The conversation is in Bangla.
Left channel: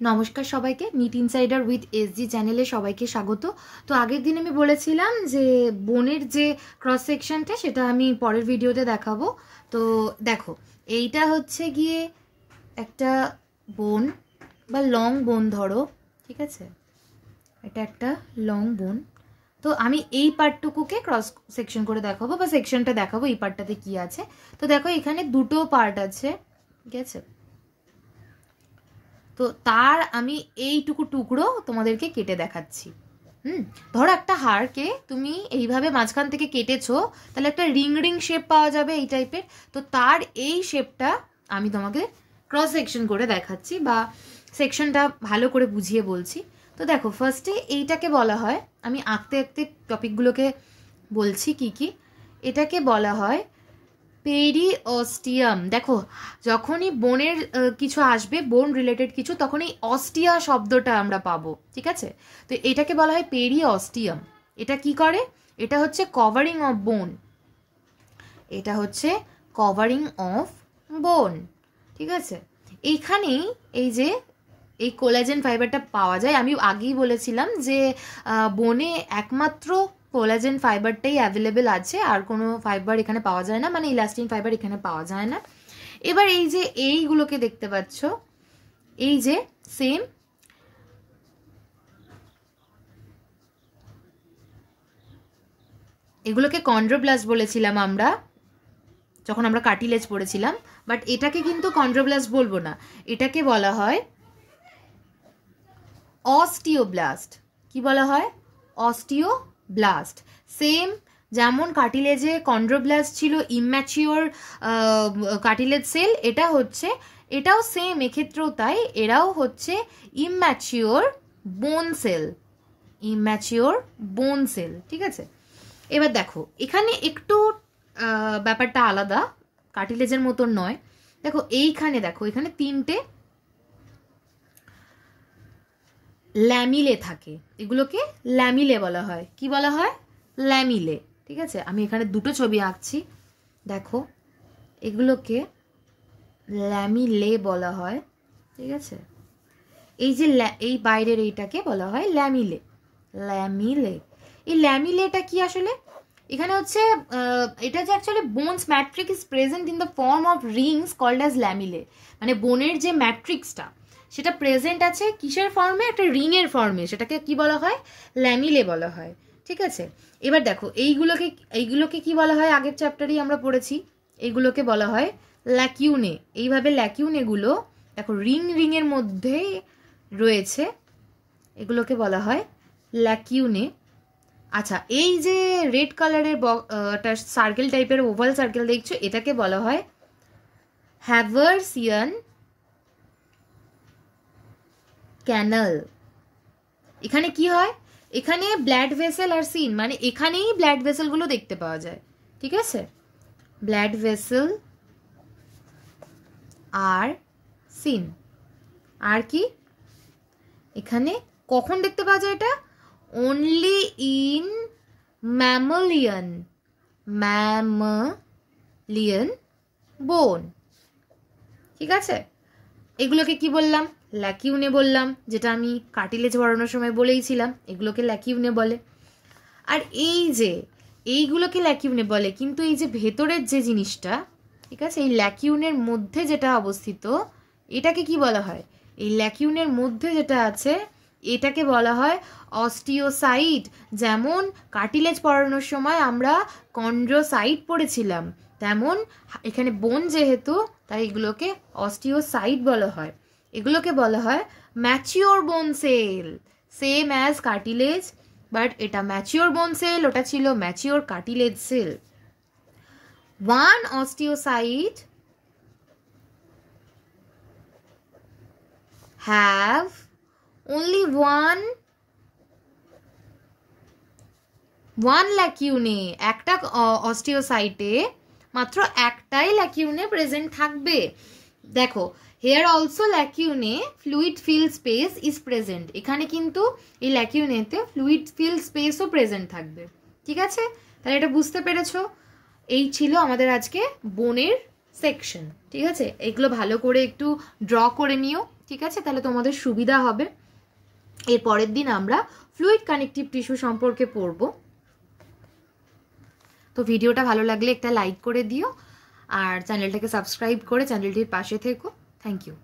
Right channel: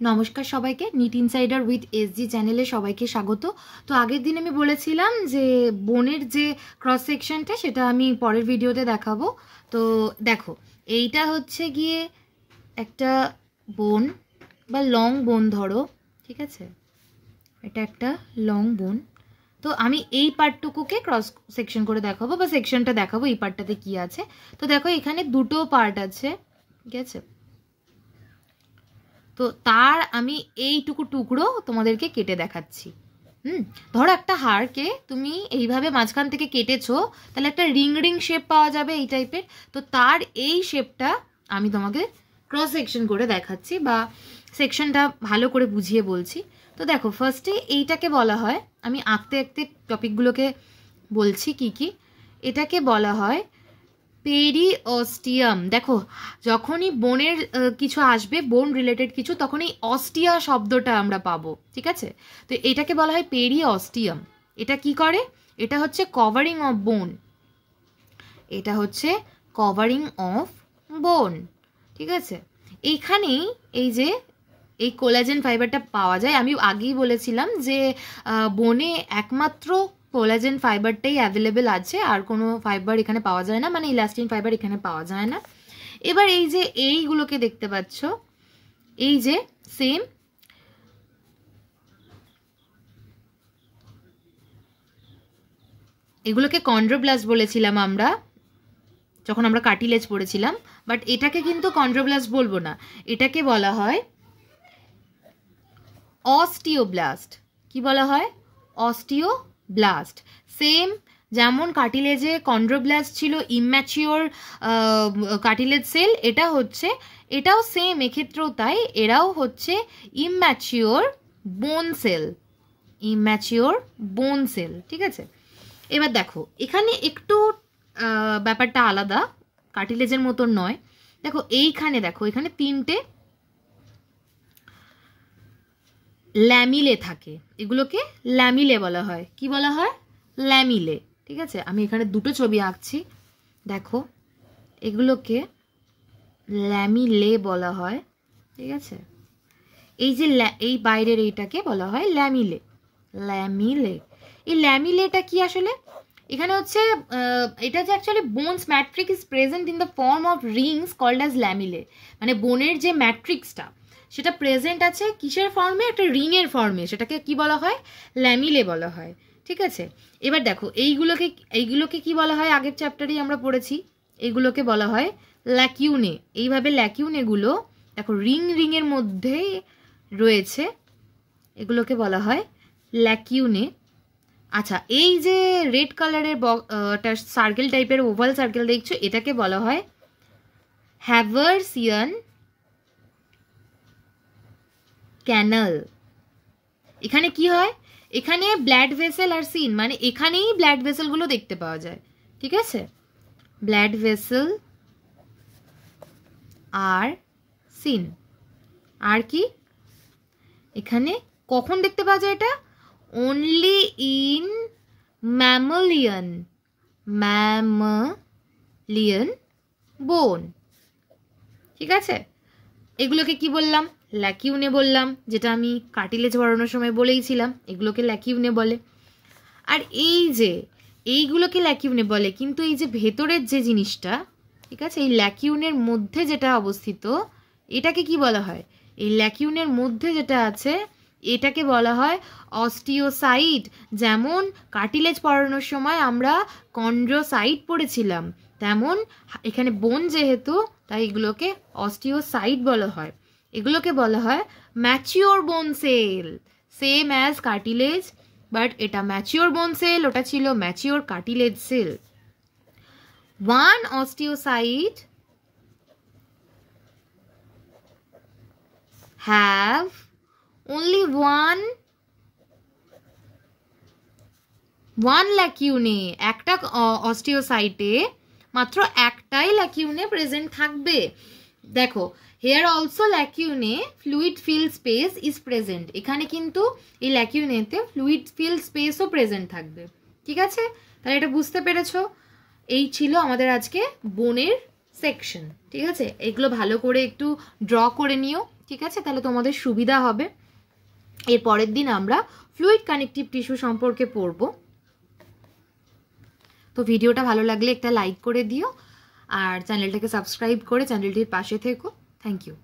নমস্কার সবাইকে, নিট ইনসাইডার উইথ এসজি চ্যানেলে সবাইকে স্বাগত। তো আগের দিন আমি বলেছিলাম যে বোনের যে ক্রস সেকশনটা সেটা আমি পরের ভিডিওতে দেখাবো। তো দেখো, এইটা হচ্ছে গিয়ে একটা বোন বা লং বোন ধরো, ঠিক আছে? এটা একটা লং বোন। তো আমি এই পার্টটুকুকে ক্রস সেকশন করে দেখাবো বা সেকশনটা দেখাবো এই পার্টটাতে কি আছে। তো দেখো, এখানে দুটো পার্ট আছে, ঠিক আছে? তো তার আমি এইটুকু টুকরো তোমাদেরকে কেটে দেখাচ্ছি। ধরো একটা হাড়কে তুমি এইভাবে মাঝখান থেকে কেটেছো, তাহলে একটা রিং রিং শেপ পাওয়া যাবে এই টাইপের। তো তার এই শেপটা আমি তোমাকে ক্রস সেকশন করে দেখাচ্ছি বা সেকশনটা ভালো করে বুঝিয়ে বলছি। তো দেখো, ফার্স্টে এইটাকে বলা হয়, আমি আঁকতে আঁকতে টপিকগুলোকে বলছি কি কি। এটাকে বলা হয় পেরিঅস্টিয়াম। দেখো, যখনই বোনের কিছু আসবে, বোন রিলেটেড কিছু, তখন এই অস্টিয়া শব্দটা আমরা পাবো, ঠিক আছে? তো এটাকে বলা হয় পেরিঅস্টিয়াম। এটা কি করে? এটা হচ্ছে কভারিং অফ বোন, এটা হচ্ছে কভারিং অফ বোন, ঠিক আছে? এইখানেই এই যে এই কোলাজেন ফাইবারটা পাওয়া যায়। আমি আগেই বলেছিলাম যে বোনে একমাত্র কোলাজেন ফাইবারটাই অ্যাভেলেবেল আছে, আর কোনো ফাইবার এখানে পাওয়া যায় না, মানে ইলাস্টিন ফাইবার এখানে পাওয়া যায় না। এবার এই যে এইগুলোকে দেখতে পাচ্ছ, এই যে সেম এগুলোকে কন্ড্রোব্লাস্ট বলেছিলাম আমরা যখন আমরা কার্টিলেজ পড়েছিলাম, বাট এটাকে কিন্তু কন্ড্রোব্লাস্ট বলবো না, এটাকে বলা হয় অস্টিওব্লাস্ট। কি বলা হয়? অস্টিওব্লাস্ট। সেম যেমন কার্টিলেজে কন্ড্রোব্লাস্ট ছিল ইম্যাচিওর কার্টিলেজ সেল, এটাও সেম, এক্ষেত্রেও তাই, এরাও হচ্ছে ইম্যাচিওর বোন সেল, ইম্যাচিওর বোন সেল, ঠিক আছে? এবার দেখো, এখানে একটু ব্যাপারটা আলাদা, কার্টিলেজের মতন নয়। দেখো এইখানে, দেখো এখানে তিনটে ল্যামিলে থাকে, এগুলোকে ল্যামিলে বলা হয়। কি বলা হয়? ল্যামিলে, ঠিক আছে? আমি এখানে দুটো ছবি আঁকছি, দেখো এগুলোকে ল্যামিলে বলা হয়, ঠিক আছে? এই যে এই বাইরের এইটাকে বলা হয় ল্যামিলে, ল্যামিলে। এই ল্যামিলেটা কি আসলে? এখানে হচ্ছে এটা যে actually bones matrix is present in the form of rings called as lamellae. মানে বোনের যে ম্যাট্রিক্সটা সেটা প্রেজেন্ট আছে কিসের ফর্মে? একটা রিংয়ের ফর্মে, সেটাকে কি বলা হয়? ল্যামিলে বলা হয়, ঠিক আছে? এবার দেখো, এইগুলোকে কি বলা হয়? আগের চ্যাপ্টারেই আমরা পড়েছি, এইগুলোকে বলা হয় ল্যাকিউনে। এইভাবে ল্যাকিউনেগুলো দেখো রিং রিংয়ের মধ্যে রয়েছে, এগুলোকে বলা হয় ল্যাকিউনে। আচ্ছা, এই যে রেড কালারের সার্কেল টাইপের ওভাল সার্কেল দেখছো, এটাকে বলা হয় হ্যাভারসিয়ান ক্যানাল। এখানে কি হয়? এখানে ব্লাড ভেসেল আর সিন, মানে এখানেই ব্লাড ভেসেলগুলো দেখতে পাওয়া যায়, ঠিক আছে? ব্লাড ভেসেল আর সিন। আর কি এখানে কখন দেখতে পাওয়া যায় এটা? অনলি ইন ম্যামালিয়ান বোন, ঠিক আছে? এগুলোকে কি বললাম? ল্যাকিউনে বললাম, যেটা আমি কার্টিলেজ পড়ানোর সময় বলেইছিলাম, এগুলোকে ল্যাকিউনে বলে। আর এই যে এইগুলোকে ল্যাকিউনে বলে, কিন্তু এই যে ভেতরের যে জিনিসটা, ঠিক আছে, এই ল্যাকিউনের মধ্যে যেটা অবস্থিত, এটাকে কি বলা হয়? এই ল্যাকিউনের মধ্যে যেটা আছে এটাকে বলা হয় অস্টিওসাইট। যেমন কার্টিলেজ পড়ানোর সময় আমরা কন্ড্রোসাইট পড়েছিলাম, তেমন এখানে বোন যেহেতু, তাই এগুলোকে অস্টিওসাইট বলা হয়। এগুলোকে বলা হয় mature bone cell, same as cartilage, but এটা ম্যাচিওর বোন সেল, ওটা ছিল mature cartilage cell. One osteocyte have only one lacunae. একটা অস্টিওসাইটে মাত্র একটাই ল্যাকিউনে প্রেজেন্ট থাকবে। দেখো, here also lacunae fluid fill space is present. এখানে কিন্তু এই ল্যাকিউনেতে ফ্লুইড ফিল স্পেসও প্রেজেন্ট থাকবে, ঠিক আছে? তাহলে এটা বুঝতে পেরেছো? এই ছিল আমাদের আজকে বোনের সেকশন, ঠিক আছে? এগুলো ভালো করে একটু ড্র করে নিও। ঠিক আছে, তাহলে তোমাদের সুবিধা হবে। এর পরের দিন আমরা ফ্লুইড কানেকটিভ টিস্যু সম্পর্কে পড়ব। তো ভিডিওটা ভালো লাগলে একটা লাইক করে দিও, আর চ্যানেলটাকে সাবস্ক্রাইব করে চ্যানেলটির পাশে থেকো। Thank you.